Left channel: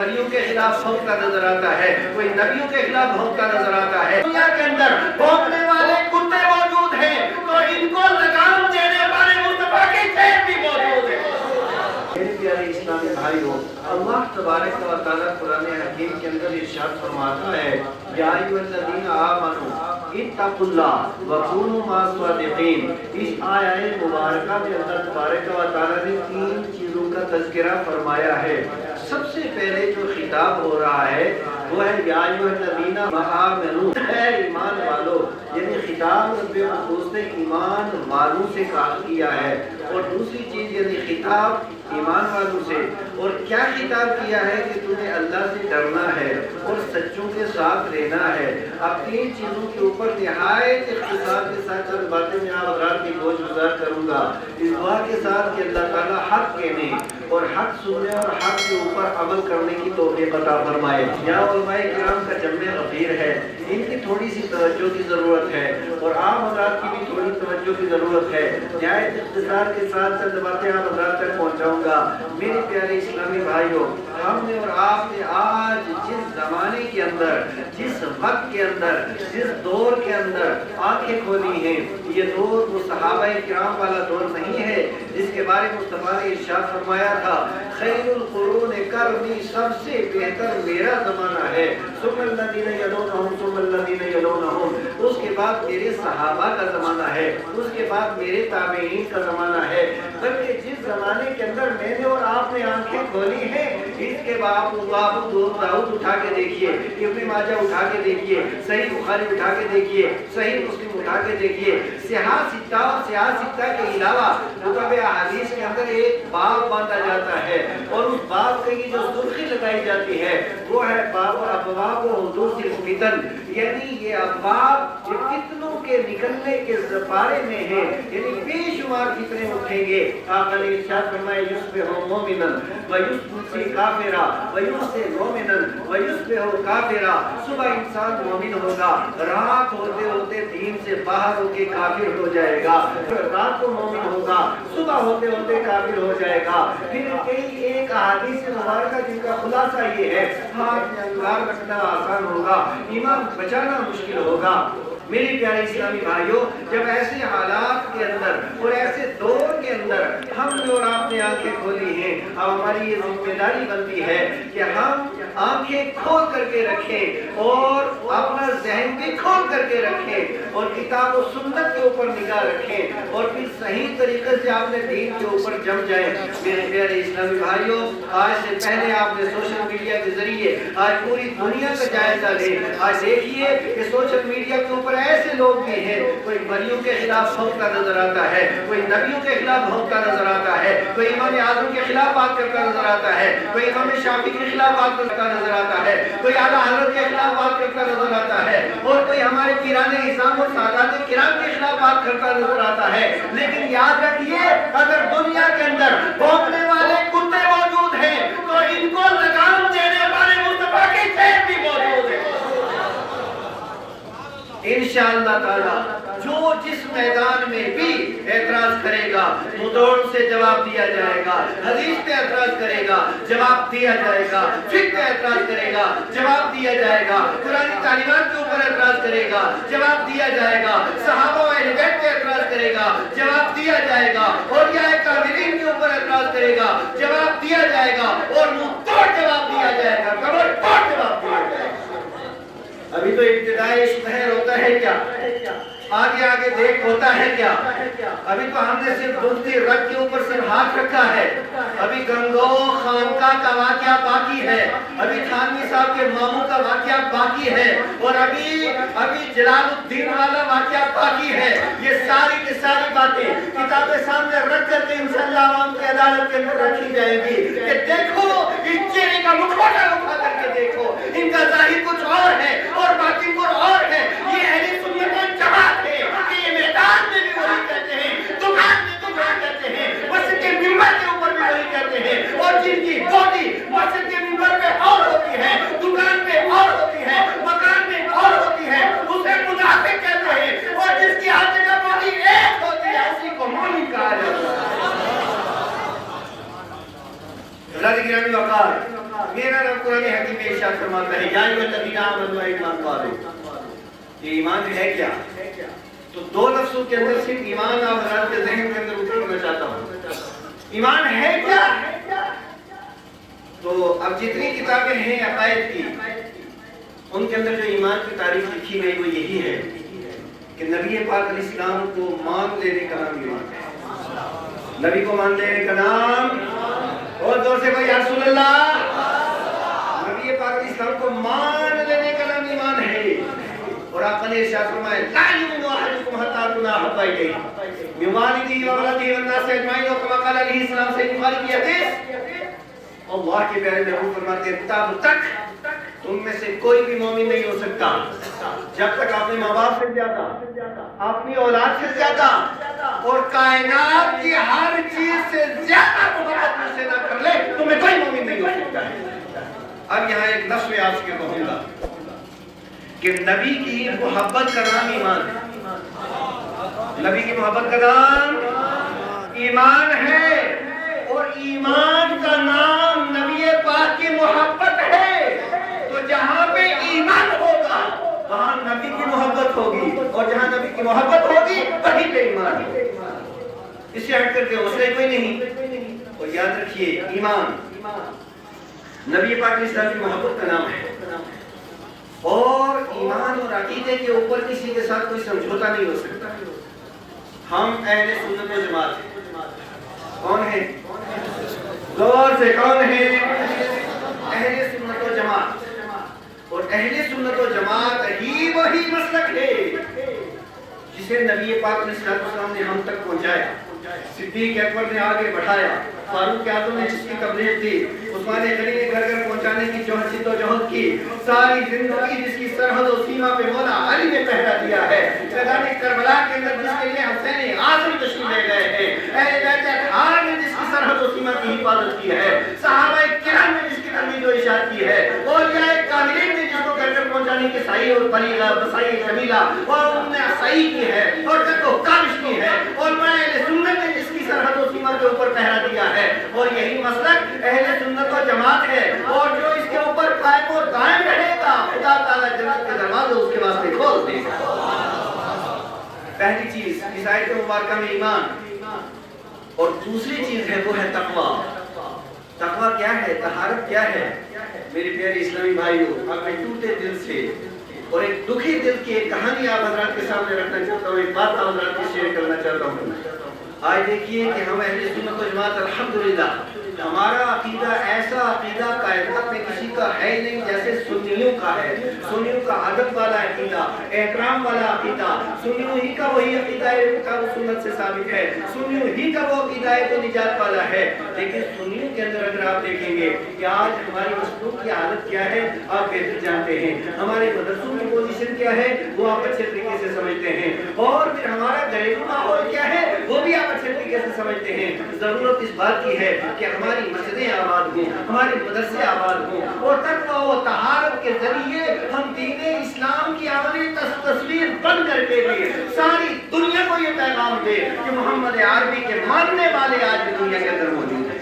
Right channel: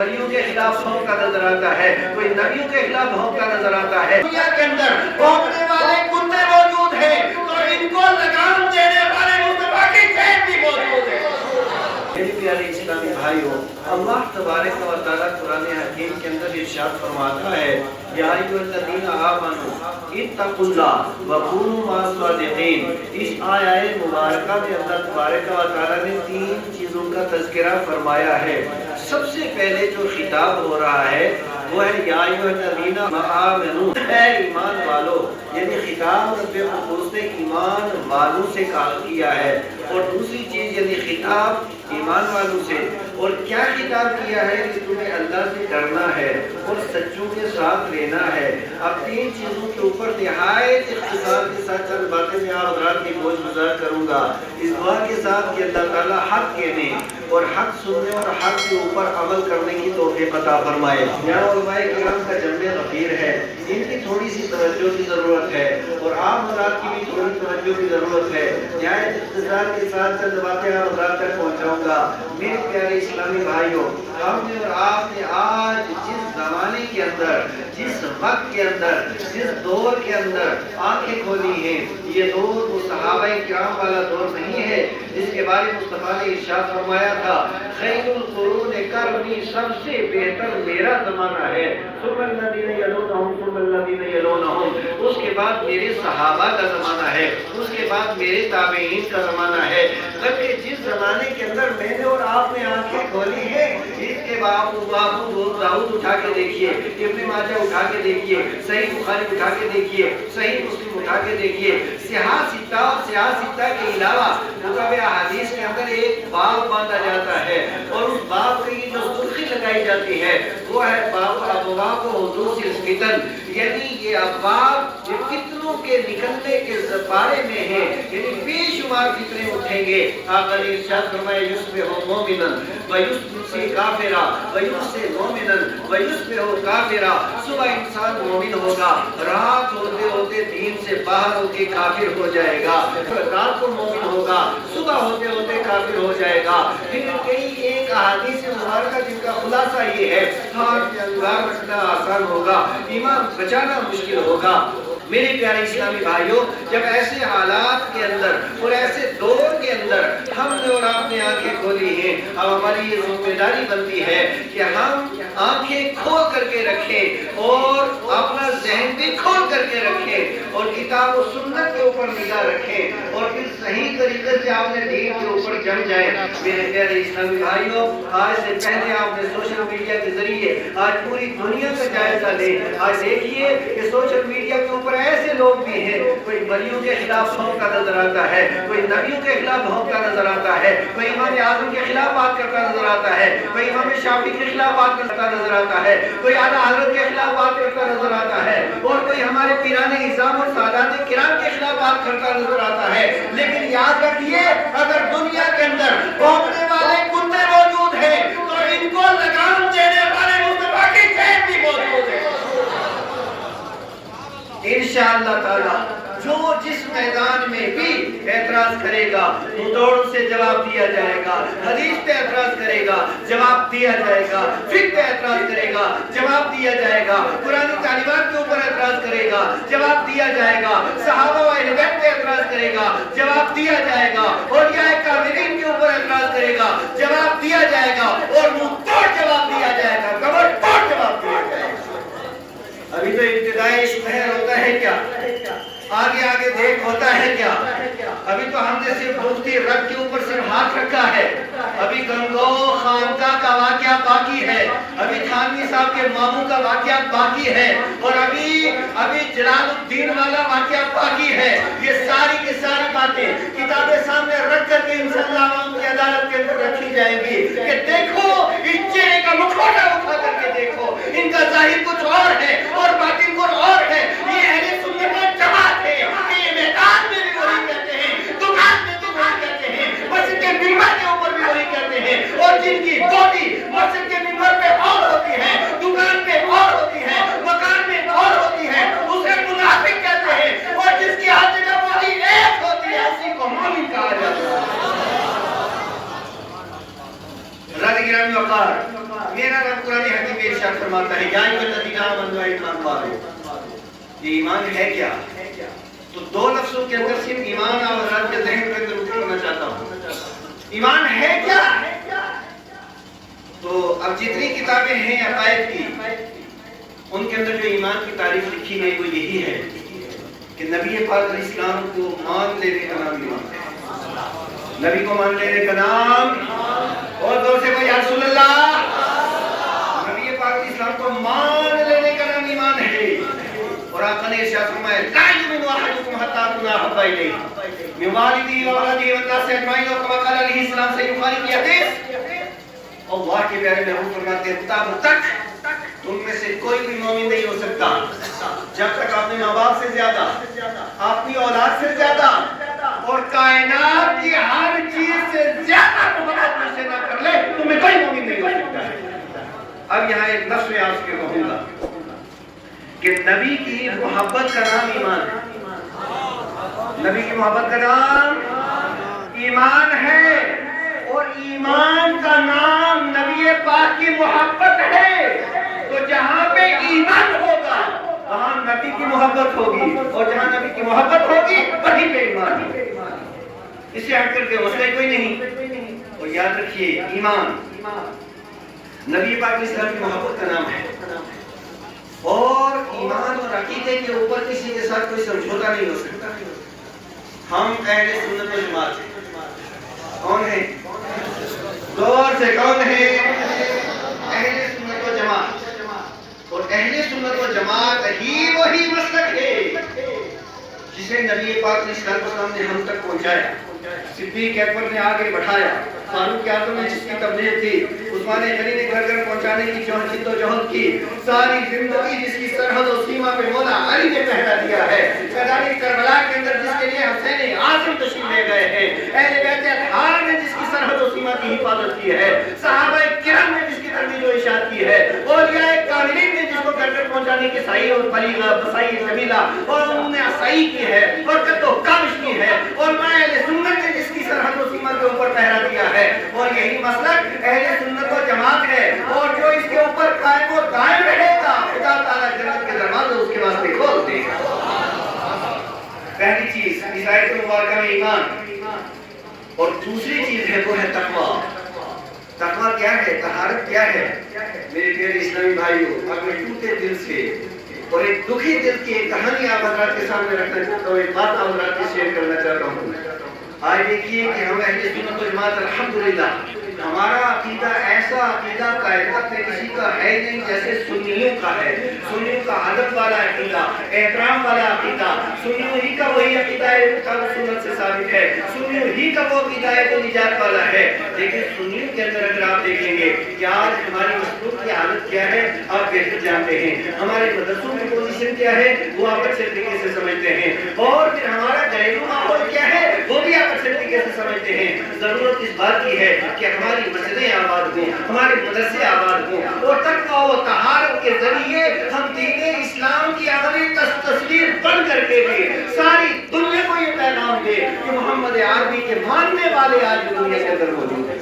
نبیوں کے خلاف بھونکتا نظر آتا ہے، کوئی نبیوں کے خلاف بھونکتا نظر آتا ہے۔ دنیا کے اندر بھونکنے والے کتے موجود ہیں تو ان کو لگام دینے والے مصطفیٰ کے چین بھی موجود ہیں۔ میرے پیارے اسلامی بھائیوں، اللہ تبارک و تعالیٰ قرآن حکیم کے اندر ارشاد فرماتا ہے، یا ایھا الذین آمنوا اتقوا اللہ وکونوا مع الصادقین۔ اس آیت مبارکہ کے اندر تبارک و تعالیٰ نے 3 چیزوں کا تذکرہ فرمایا ہے۔ سب سے پہلے جو خطاب ہو رہا ہے وہ ہے یا ایھا الذین آمنوا، اے ایمان والو، یعنی خطاب رب القدس نے ایمان والوں سے کیا ہے۔ اور دوسری چیز یعنی خطاب ایمان والوں سے، اور کیا خطاب کیا ہے کہ تمہیں اللہ سے ڈرنا ہے اور سچوں کے ساتھ لینا ہے۔ اب 3 چیزوں کے اوپر نہایت اختصار کے ساتھ چند باتیں میں آپ حضرات کی گوش گزار کروں گا، اس دعا کے ساتھ کہ اللہ تعالیٰ حق کہنے اور حق سننے اور حق کے اوپر عمل کرنے کی توفیق عطا فرمائے۔ یہاں علماء کرام کا جمع غفیر ہے، ان کی تھوڑی سی توجہ کی ضرورت ہے اور عام حضرات کی بھی تھوڑی توجہ کی ضرورت ہے۔ نہایت اختصار کے ساتھ چند باتیں آپ حضرات تک پہنچاؤں گا۔ میرے پیارے اسلامی بھائیوں، ہم نے اور آپ نے آج جس زمانے کے اندر، جس وقت کے اندر، جس دور کے اندر آنکھیں کھولی ہیں، یہ دور وہ صحابہ کرام والا دور نہیں ہے جس کے بارے میں مصطفیٰ نے ارشاد فرمایا تھا، خیر القرون قرنی، سب سے بہتر میرا زمانہ ہے، ثم الذین یلونہم ثم الذین یلونہم، اس کے بعد میرے صحابہ کا زمانہ ہے، اس کے بعد میرے تابعین کا زمانہ ہے۔ بلکہ جس زمانے کے اندر میں نے اور آپ نے آنکھیں کھولی ہیں، اس کے بعد ابو داؤد اٹھا کے دیکھیے، ابن ماجہ اٹھا کے دیکھیے، صحیح بخاری اٹھا کے دیکھیے، صحیح مسلم اٹھا کے دیکھیے، سیاہ ستہ کے علاوہ کتب احادیث کے اندر ایک باب باندھا جاتا ہے اور اس باب سے کی جو سرخی لگائی جاتی ہے وہ ہے باب ابواب حدوث الفتن، یعنی یہ ابواب جو فتنوں کے نکلنے کے بارے میں ہے، یعنی بے شمار فتنے اٹھیں گے۔ آقا نے ارشاد فرمایا، یصبح مومنا ویمسی کافرا ویمسی مومنا ویصبح کافرا، صبح انسان مومن ہوگا، رات ہوتے ہوتے دین سے باہر ہو کے کافر ہو جائے گا، رات کو مومن ہوگا، صبح ہوتے ہوتے کافر ہو جائے گا۔ پھر کئی ایک احادیث مبارکہ جن کا خلاصہ یہ ہے، ہاتھ میں انگار رکھنا آسان ہوگا، ایمان بچانا مشکل ہوگا۔ میرے پیارے اسلامی بھائیوں، جب ایسے حالات کے اندر اور ایسے دور کے اندر ہم نے اور آپ نے آنکھیں کھولی ہیں، اب ہماری یہ ذمہ داری بنتی ہے کہ ہم آنکھیں کھول کر کے رکھیں اور اپنا ذہن بھی کھول کر کے رکھیں اور کتاب و سنت کے اوپر نگاہ رکھیں اور پھر صحیح طریقے سے آپ نے دین کے اوپر جم جائیں۔ میرے پیارے اسلامی بھائیوں، آج سے پہلے آپ نے سوشل میڈیا کے ذریعے آج پوری دنیا کا جائزہ لیں۔ آج دیکھیے کہ سوشل میڈیا کے اوپر ایسے لوگ بھی ہیں، کوئی ولیوں کے خلاف بھونکتا نظر آتا ہے، کوئی نبیوں کے خلاف بھونکتا نظر آتا ہے، کوئی امام اعظم کے خلاف بات کرتا نظر آتا ہے، کوئی امام شافعی کے خلاف بات کرتا نظر آتا ہے، کوئی اعلیٰ حضرت کے خلاف بات کرتا نظر آتا ہے، اور کوئی ہمارے پیران اعظام اور سادات کرام کے خلاف بات کرتا نظر آتا ہے۔ لیکن یاد رکھیے، اگر دنیا کے اندر بھونکنے والے کتے موجود ہیں تو ان کو لگام دینے والے مصطفیٰ کے چین بھی موجود ہیں۔ انشاءاللہ تعالی جو جس میدان میں بھی اعتراض کرے گا تو دوڑ سے جواب دیا جائے گا، حدیث پہ اعتراض کرے گا جواب دیا جائے گا، فقہ پہ اعتراض کرے گا جواب دیا جائے گا، قرآن تعلیمات کے اوپر اعتراض کرے گا جواب دیا جائے گا، صحابہ و اہل بیت پہ اعتراض کرے گا جواب دیا جائے گا، اور یہ کاذبین کے اوپر اعتراض کرے گا جواب دیا جائے گا، اور منہ توڑ جواب دیا جائے گا، کمر توڑ جواب دیا جائے گا۔ ابھی تو ابتدائی اشتہار ہوتا ہے کیا؟ آگے آگے دیکھ ہوتا ہے کیا؟ ابھی تو ہم نے صرف دوسری رگ کے اوپر صرف ہاتھ رکھا ہے، ابھی گنگو خانقاہ کا واقعہ باقی ہے، ابھی تھانوی صاحب کے ماموں کا واقعہ باقی ہے، اور ابھی جلال الدین والا واقعہ باقی ہے۔ یہ ساری کی ساری باتیں کتابیں سامنے رکھ کر کے انشاءاللہ عوام کی عدالت کے اندر رکھی جائیں گی کہ دیکھو اس چہرے کا مکھوٹا اٹھا کر کے دیکھو، ان کا ظاہر کچھ اور ہے اور باطن کچھ اور ہے۔ یہ اہل سنت جماعت ہے، یہ میدان میں بھی وہی کہتے ہیں، دکان میں تو وہی کہتے ہیں، مسجد کے ممبر کے اوپر بھی وہی کہتے ہیں، اور جن کی بوٹی مسجد کے ممبر پہ اور ہوتی ہے، دکان پہ اور ہوتی ہے، مکان میں اور ہوتی ہے، اسے منافق کہتے ہیں، اور جس کی ہاتھ میں بوٹی ایک ہوتی ہے اسی کو مومن کہا جاتا ہے۔ رضی گرامی وقار، میرا قرآن حکیم میں ارشاد فرماتا ہے یا ایھا الذین آمنوا ایمان والو، یہ ایمان ہے کیا؟ تو دو لفظوں کے اندر صرف ایمان اور حضرات کے ذہن کے اندر کرنا چاہتا ہوں، ایمان ہے کیا؟ تو اب جتنی کتابیں ہیں عقائد کی، ان کے اندر جو ایمان کی تعریف لکھی گئی وہ یہی ہے کہ نبی پاک علیہ السلام کو مان لینے کا نام ایمان ہے۔ نبی کو مان لینے کا نام، اور دور سے یا رسول اللہ، نبی پاک علیہ السلام کو مان لینے کا نام ایمان ہے۔ اور آقا نے ارشاد فرمایا لا یؤمن احدکم حتی اکون احب الیہ من والدہ وولدہ والناس اجمعین، اور کما قال علیہ السلام سے بخاری کی حدیث، اللہ کے پیارے محبوب فرماتے ہیں تب تک تم میں سے کوئی بھی مومن نہیں ہو سکتا جب تک اپنے ماں باپ سے زیادہ، اپنی اولاد سے زیادہ، اور کائنات کی ہر چیز سے زیادہ محبت مجھ سے نہ کر لے، تمہیں کوئی مومن نہیں ہو سکتا ہے۔ اب یہاں ایک لفظ میں آپ سے کہوں گا کہ نبی کی محبت کا نام ایمان ہے، نبی کی محبت کا نام ایمان ہے، اور ایمان کا نام نبی پاک کی محبت ہے۔ تو جہاں پہ ایمان ہوگا وہاں نبی کی محبت ہوگی، اور جہاں نبی کی محبت ہوگی وہیں پہ ایمان ہے۔ اس سے ہٹ کر کے مسئلہ کوئی نہیں۔ اور یاد رکھیے ایمان نبی پاک علیہ السلام کی محبت کا نام ہے، اور ایمان اور عقیدے کے اوپر کسی کے ساتھ کوئی سمجھوتا نہیں ہو سکتا۔ ہم اہل سنت و جماعت ہیں۔ کون ہے؟ غور سے کون ہے؟ اہل سنت و جماعت، اور اہل سنت و جماعت ہی وہی مسلک ہے جسے نبی پاک علیہ السلام نے ہم تک پہنچایا، صدیق اکبر نے آگے بڑھایا، فاروق اعظم نے جس کی تبلیغ کی، عثمان غنی نے گھر گھر پہنچانے کی جد و جہد کی، ساری زندگی جس کی سرحد و سیما پہ مولا علی نے پہرا دیا ہے، میدان کربلا کے اندر جس کے لیے حسین اعظم تشریف لے گئے ہیں، اہل بیت اطہار نے جس کی سرحد و سیما کی حفاظت کی ہے، صحابہ کرام نے جس کی ترویج و ارشاد کی ہے، اولیاء کاملین نے جس کو گھر گھر پہنچانے کی سعی اور فریضہ بسائی سبیلا اور انہوں نے سعی کی ہے اور جد و کاوش کی ہے، اور اہل سنت نے جس کی سرحد و سیما کے اوپر پہرا دیا ہے، اور یہی مسلک اہل سنت و جماعت ہے، اور جو اس کے اوپر قائم و دائم رہے گا خدا تعالیٰ جنت کے دروازے اس کے واسطے کھول دے گا۔ پہلی چیز اس آیت مبارکہ میں ایمان، اور دوسری چیز ہے وہ ہے تقویٰ۔ تقویٰ کیا ہے؟ طہارت کیا ہے؟ میرے پیارے اسلامی بھائیوں، اب میں ٹوٹے دل سے اور ایک دکھی دل کی ایک کہانی آپ حضرات کے سامنے رکھنا چاہتا ہوں، ایک بات آپ حضرات سے شیئر کرنا چاہتا ہوں۔ آج دیکھیے کہ ہم اہل سنت و جماعت الحمدللہ ہمارا عقیدہ ایسا عقیدہ کائنات میں کسی کا ہے نہیں جیسے سنیوں کا ہے۔ سنیوں کا ادب والا عقیدہ، احترام والا عقیدہ، سنیوں ہی کا وہی عقیدہ ہے کتاب و سنت سے ثابت ہے، سنیوں ہی کا وہ عقیدہ ہے جو نجات والا ہے۔ لیکن سنیوں کے اندر اگر آپ دیکھیں گے کہ آج ہماری مخلوق کی حالت کیا ہے آپ بہتر جانتے ہیں، ہمارے مدرسوں کی پوزیشن کیا ہے وہ آپ اچھے طریقے سے سمجھتے ہیں، اور پھر ہمارا گھریلو ماحول کیا ہے وہ بھی آپ اچھے طریقے سے سمجھتے ہیں۔ ضرورت اس بات کی ہے کہ ہماری مسجدیں آباد ہوں، ہمارے مدرسے آباد ہوں، اور تقویٰ و طہارت کے ذریعے ہم دین اسلام کی عملی تصویر بن کر کے بھی ساری دنیا کو یہ پیغام دے کہ محمد عربی کے ماننے والے آج دنیا کے اندر موجود ہیں۔